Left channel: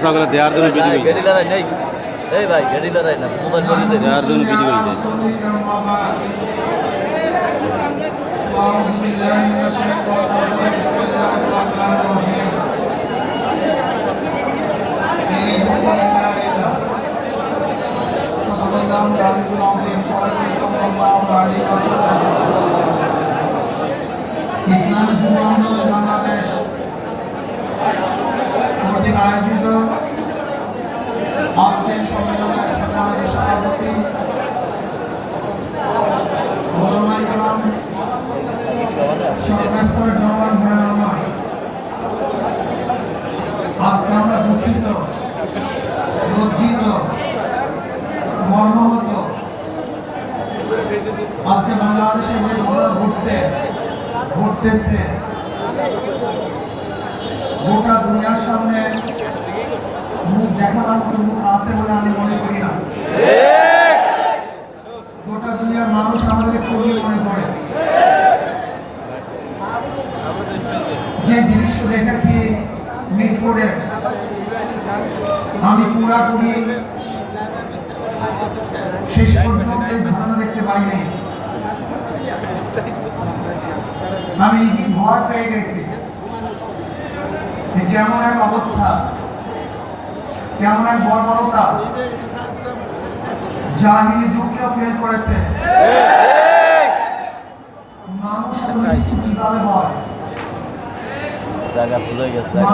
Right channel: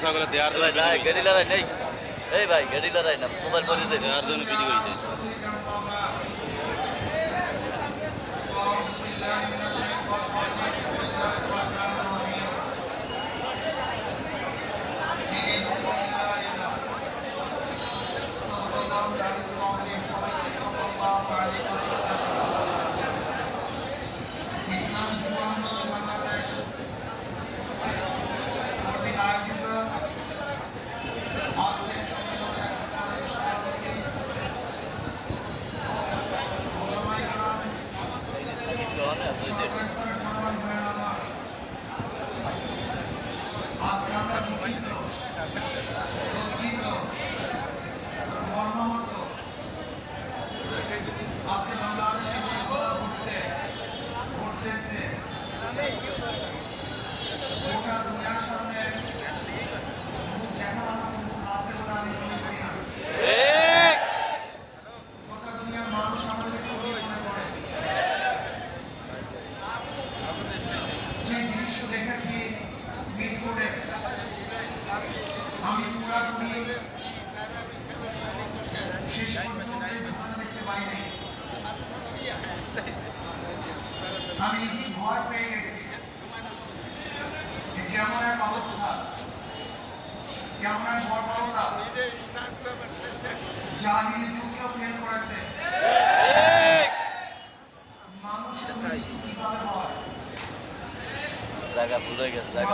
মশলাগুলো দেওয়ার জন্য বিধি হয়ে দেওয়ার জন্য বিধি হয়ে যায় ইসলাম যুব আন্দোলন বাংলাদেশ আজকের সম্মেলনে সমাজের সভাপতি ওলামাই কালাম সর্বস্তর জওয়ান ভাইয়ের আমার আজকে আমরা দুঃখিত লজ্জিত মর্মাহত গোটা দুনিয়ার সামনে মুখ দেখাবার মতো মুখ আছে বলে আমি মনে করি না। গোটা দুনিয়ার মানুষ আমাদের খুবই মনে করে। যে দৃশ্য দেখেছি মিটফোর্ডে আমি পুরাপুরি শেষ পর্যন্ত ঘটনা দেখতে পাইনি আমি নিজে ভয় পেয়ে গেছি কেমন এক অবস্থা। কেমন এক বর্বরতা জাহিনী যুগকেও ফেল করেছে। মানুষ নিষ্ঠুর কীভাবে হয়? জায়গা ভুল হয়ে গেছে। জায়গা।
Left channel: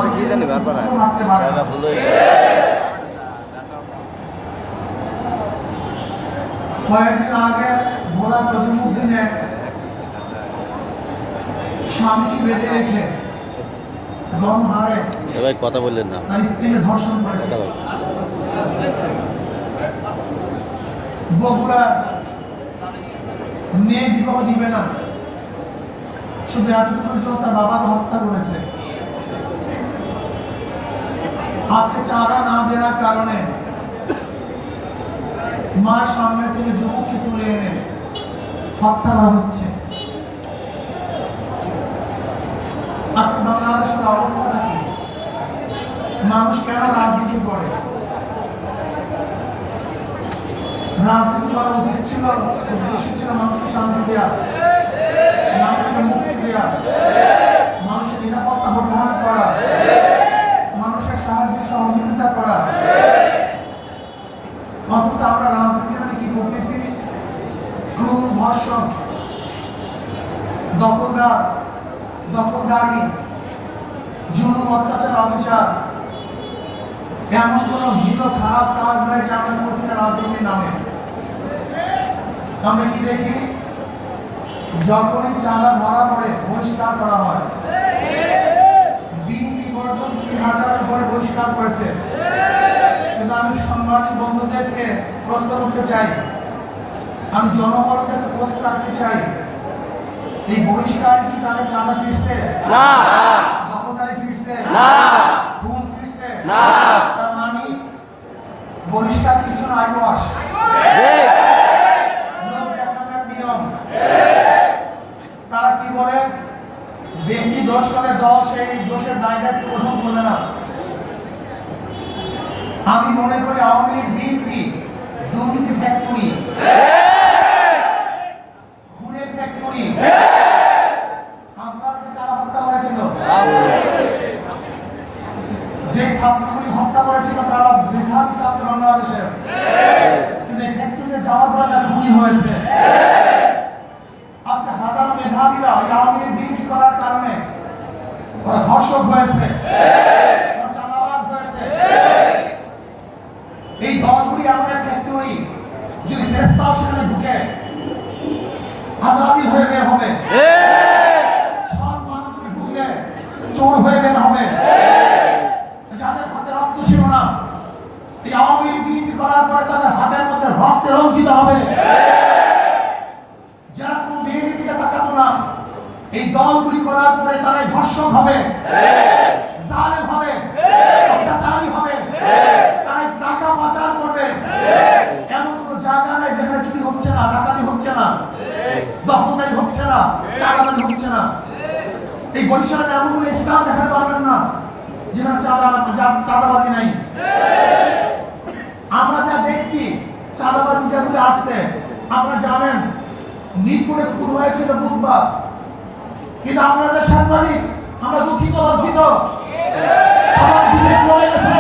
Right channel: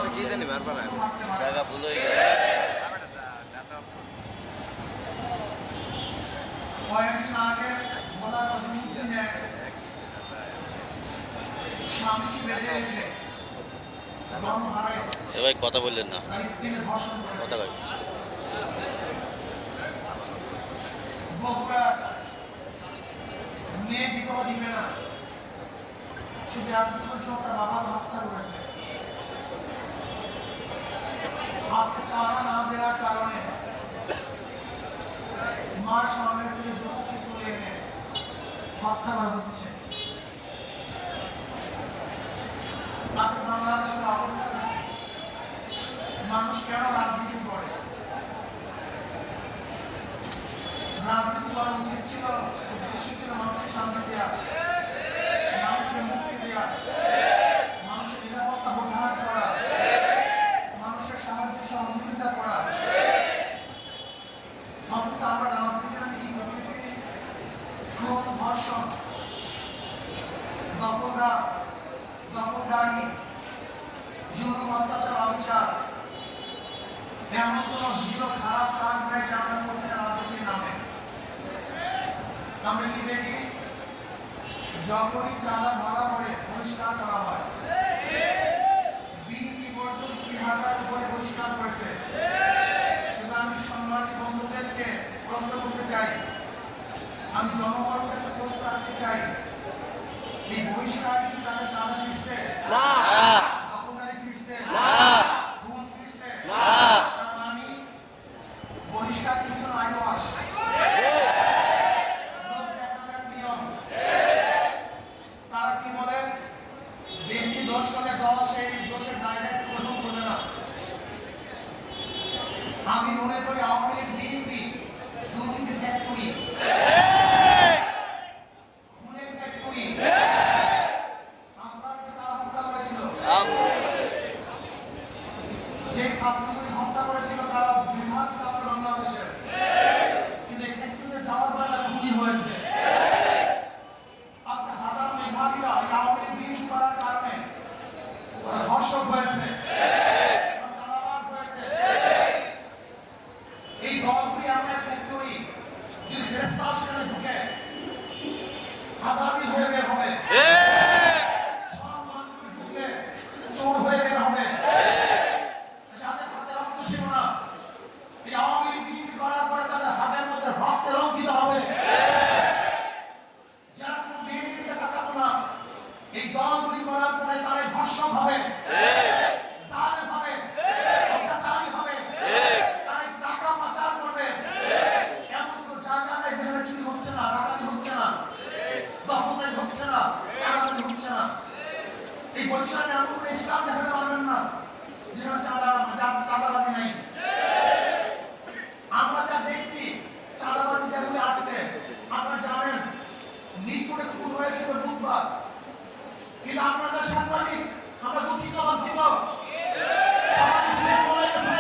হয়ে গেছে। কয়েকদিন আগে ভোলা তজিমুদ্দিনে স্বামীকে বেঁধে রেখে গণহারে এ ভাই কথা বললেন না। বগুড়া মেয়ে বিবাহ দিবে শুধু এতটুকুর জন্য তার বাবাকে হত্যা করেছে। আজকে চাঁদা না দেওয়ার কারণে মার সামনে থেকে যুবককে তুলে এনে হত্যা করা হচ্ছে আজকে বাংলাদেশের অবস্থাটা কি মানুষ কেন রাজনীতি করে? রাজনীতি করা উচিত ছিল, উদ্দেশ্য ছিল মানুষকে শান্তি দেওয়া মানুষকে মুক্তি দেওয়া মানুষের নিরাপত্তা প্রদান করা, মানুষের সাহায্য সহযোগিতা করা। অথচ আমরা রাজনীতি মানে কি করতেছি? খুন ধর্ষণ, দখলদার, দখলদারি, জুলুম, অত্যাচার, অবিচার এমন কোন হীন খারাপ কাজ নাই যা আমরা করছি না রাজনীতির নামে। আমরা কি দেখি? যখনই চাঁদা ধরা পড়ে বহিষ্কার করা হয়। বিএনপি পর্যন্ত তিন হাজারের উপরে বহিষ্কার করেছে। কিন্তু আমি সাংবাদিক বন্ধুদেরকে প্রশ্ন করতে চাই। আমি জনগণের কাছে প্রশ্ন রাখতে চাই। এই বহিষ্কার কি তাহলে চাঁদা ফিরছে? না। দখলদারি ফিরছে? না। খুন ফিরছে? না। বহিষ্কার কিছু বস। তারা কি বলে? ব্যক্তি দোষ করে, দল সেই দোষের দায় দায়িত্ব গ্রহণ করবে না। আমি মনে করি আওয়ামী লীগ, বিএনপি, দুর্নীতি ফ্যাক্টরি খুনের ফ্যাক্টরি আপনাকে কারা হত্যা করেছিল যে ছাত্রগুলি হত্যা করেছিল তারা বৃহৎ ছাত্র বাংলাদেশের কিন্তু এই ফ্যাক্টরিতে যাওয়ার পর তারা খুনি হয়েছে আজকে হাজারো মেধাবীরা এই আওয়ামী লীগ বিএনপি করার কারণে ওরা ধর্ষক হয়েছে এই দলগুলি করার পরে তারা ধর্ষক হবে। করবে। এমন এই এমন পারবেন না চাঁদা চাঁদাবাজি নাই। আমরা যা দেখছি, চাঁদাবাজি আপনারা জানেন নিট ফুটে খুন হয়েছিল বুধবার। কিন্তু আমরা যে সাংবাদিক আমরা দুঃখিত লজ্জিত সবার বিবেক রয়ে গেছে।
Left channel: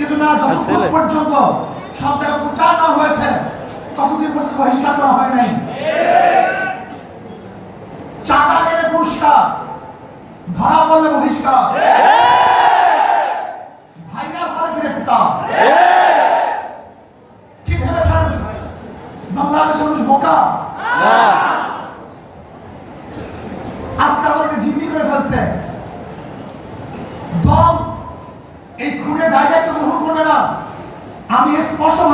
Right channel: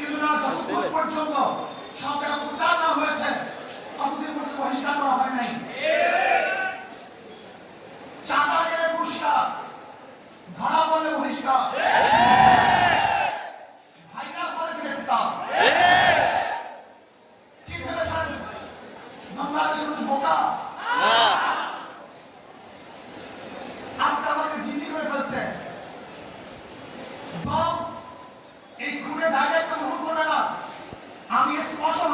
কিন্তু না যতক্ষণ পর্যন্ত সব জায়গায় প্রচার না হয়েছে ততদিন পর্যন্ত বহিষ্কার করা হয় নাই। চাঁদা পেলে পুরস্কার ধরা পড়লে বহিষ্কার। ভাইরাস পরে গ্রেফতার। কি ভেবেছেন? বাংলাদেশের মানুষ বোকা? না। resposta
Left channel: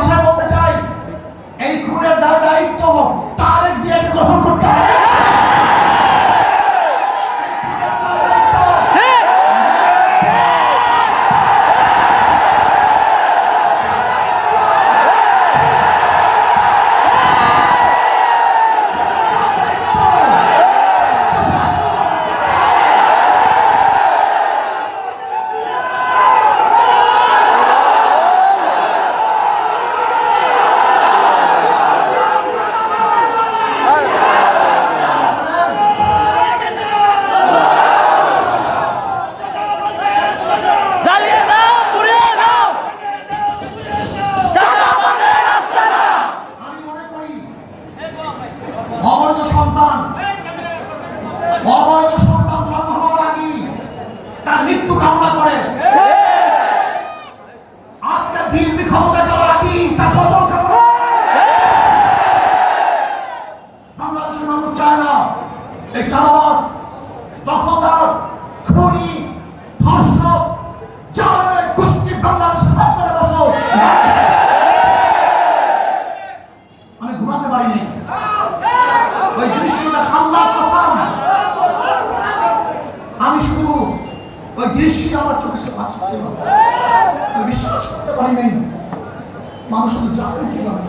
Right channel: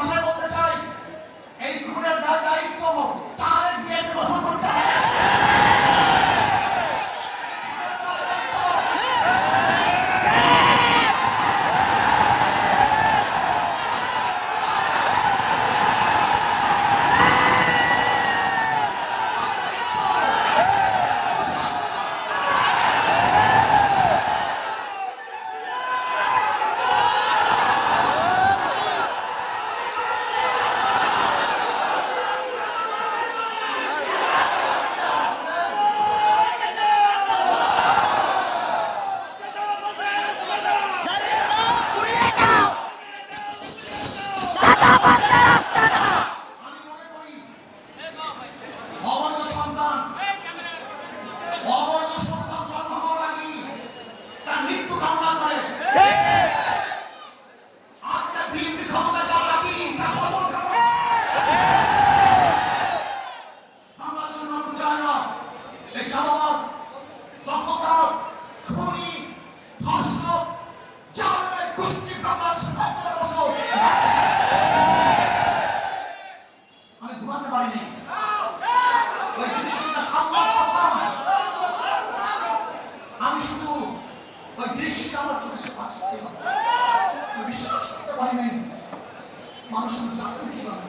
ওই দৃশ্যটা আল্লাহ কসম। আমি শুধু ওই দৃশ্যে আমার চোখে সে ভাসছিল বিশ্বাস করতে পারি নাই। মানুষ জানে কীভাবে।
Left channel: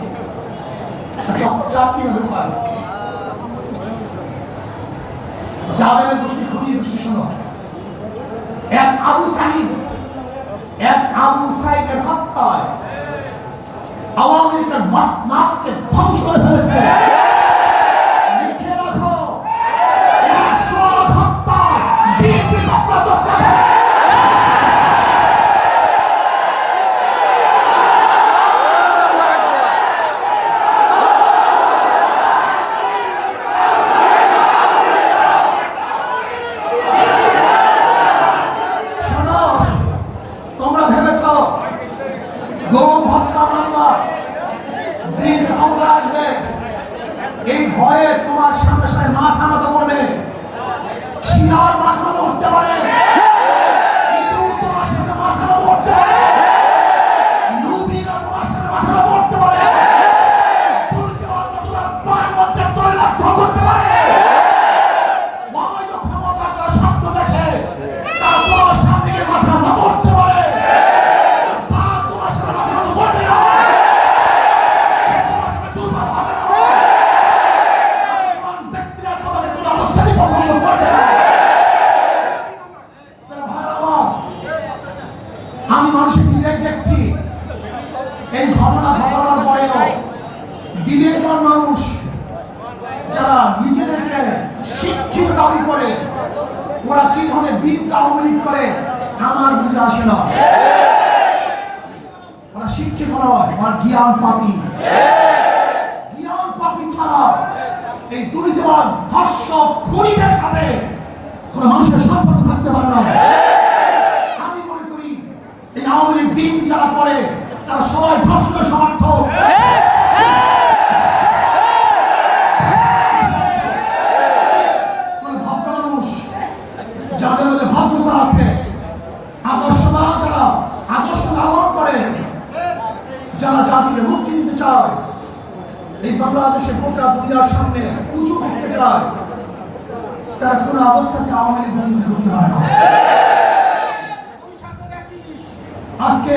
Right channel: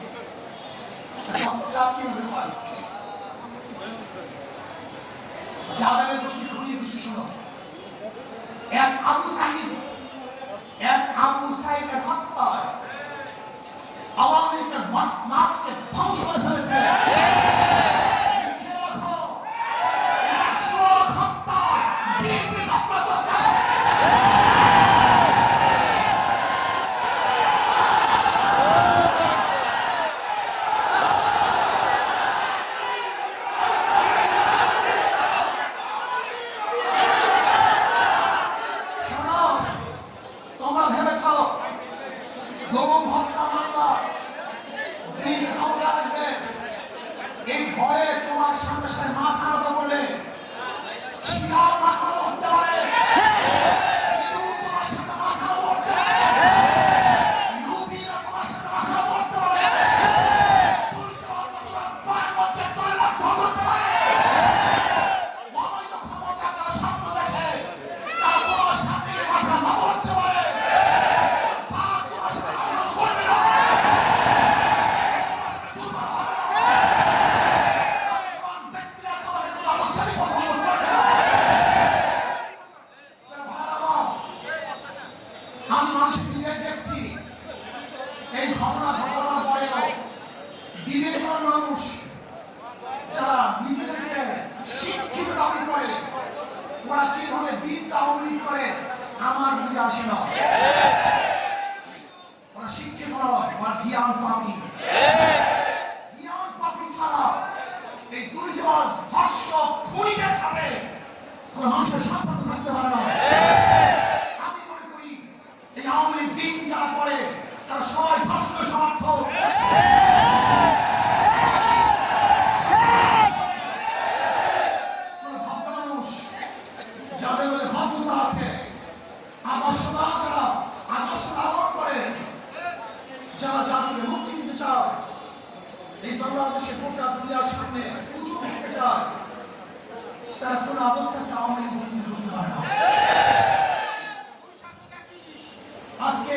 জাতি হবে এক আবু সাহিদ এক আবু সাহিদের হত্যায় আওয়ামী লীগের মাস নাককে 정말 무. লীগ আওয়ামী করে, আমার বুঝে আসে না। ওরা শিক্ষিত নয়, ওরা জ্ঞান পাপি। জ্ঞান পাপি ছাড়া এই দুর্নীতিবাজ ধর্ষক খুনিদের সাথে কোন মানুষের সম্পর্ক থাকতে পারে না। আমি মনে করি এই আওয়ামী লীগ যারা করে, তারা সবাই ধর্ষকের সমর্থক কোন ভদ্র মানুষ যাদের মধ্যে ভদ্রতা আছে আদর্শতা যারা আদর্শ ধারণ করে যারা জাতিকে মুক্তি দিতে চায় এই বাংলাদেশে গোটা দুনিয়ার সামনে উঁচু করতে চায়, তারা কোনো অবস্থাতে আওয়ামী লীগ বন্ধ করতে পারে না। আজকে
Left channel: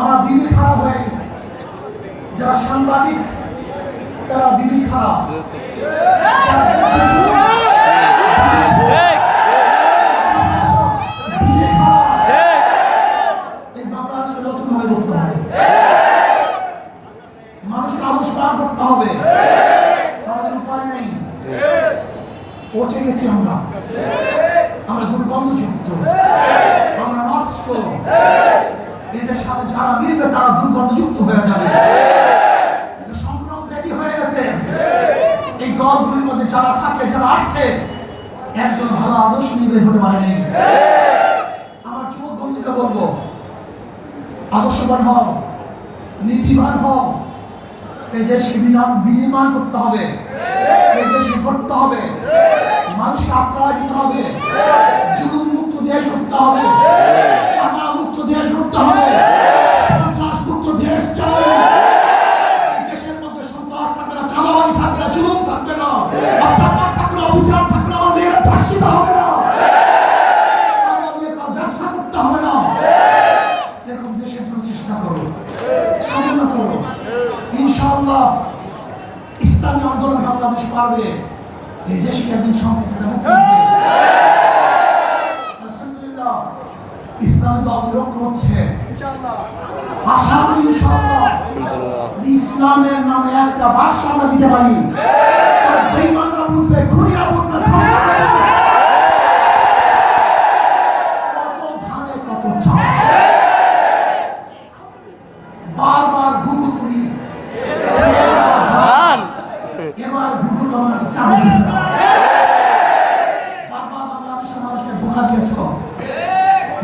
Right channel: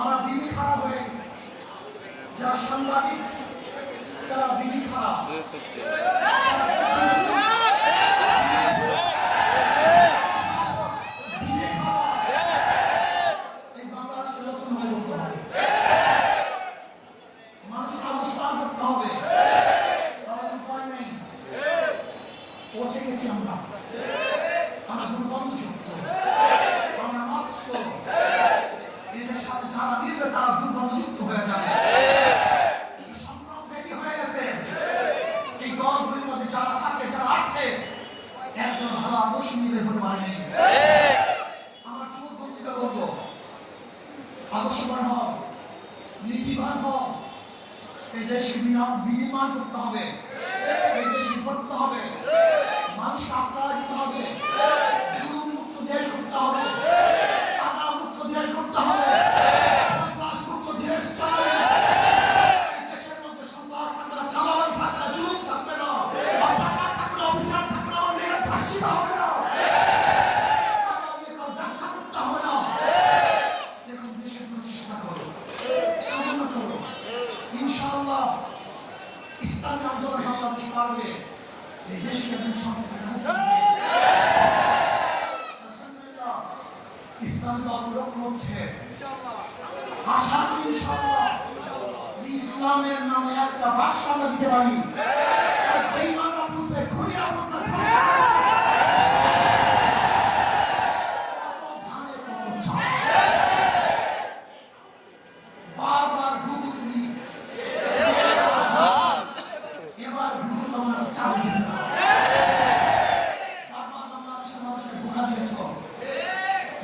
আমার দিদি খারাপ হয়ে গেছে। যারা সাংবাদিক, তারা দিদি খারাপ যারা বুদ্ধিজীবী, প্রশাসক, বিবি খারাপ। এই বাংলাদেশকে নতুনভাবে করতে হবে মানুষকে আদর্শ পার করতে হবে আমাদের উপায় নেই পৌঁছে গেছি আমরা আমরা দুর্গন্ধযুক্ত আমরা নষ্ট এটার সাথে যারা মিলবে তারা দুর্গন্ধযুক্ত হয়ে যাবে এটা সংক্রমণ ব্যাধি হয়ে গেছে এই দলগুলির মধ্যে যারা থাকে যারা আসছে একজন ভালো আদর্শ নিয়ে বের হতে পারেনি আমার যুবক বন্ধুকে বলব, আদর্শবান হও, নীতিবান হও। এই দেশকে বিনা- বিনির্মাণ করতে হবে। এই দেশকে করতে হবে। মানুষকে আশ্রয় দিতে হবে। জুলুম মুক্ত দেশ করতে হবে। চাঁদা মুক্ত দেশ করতে হবে। ইসলামী দল লক্ষ্য হচ্ছে আশা করি ইনশাআল্লাহ ইসলামের নামে একটা বাক্স আমরা দিতে পারি। আর বেঈমানরা বুঝবে বারবার ঘুঘু তুলি এবার ঘুঘু তোমার চাল। দিবে বাংলাদেশের মানুষকে ধোকা দিয়েছ।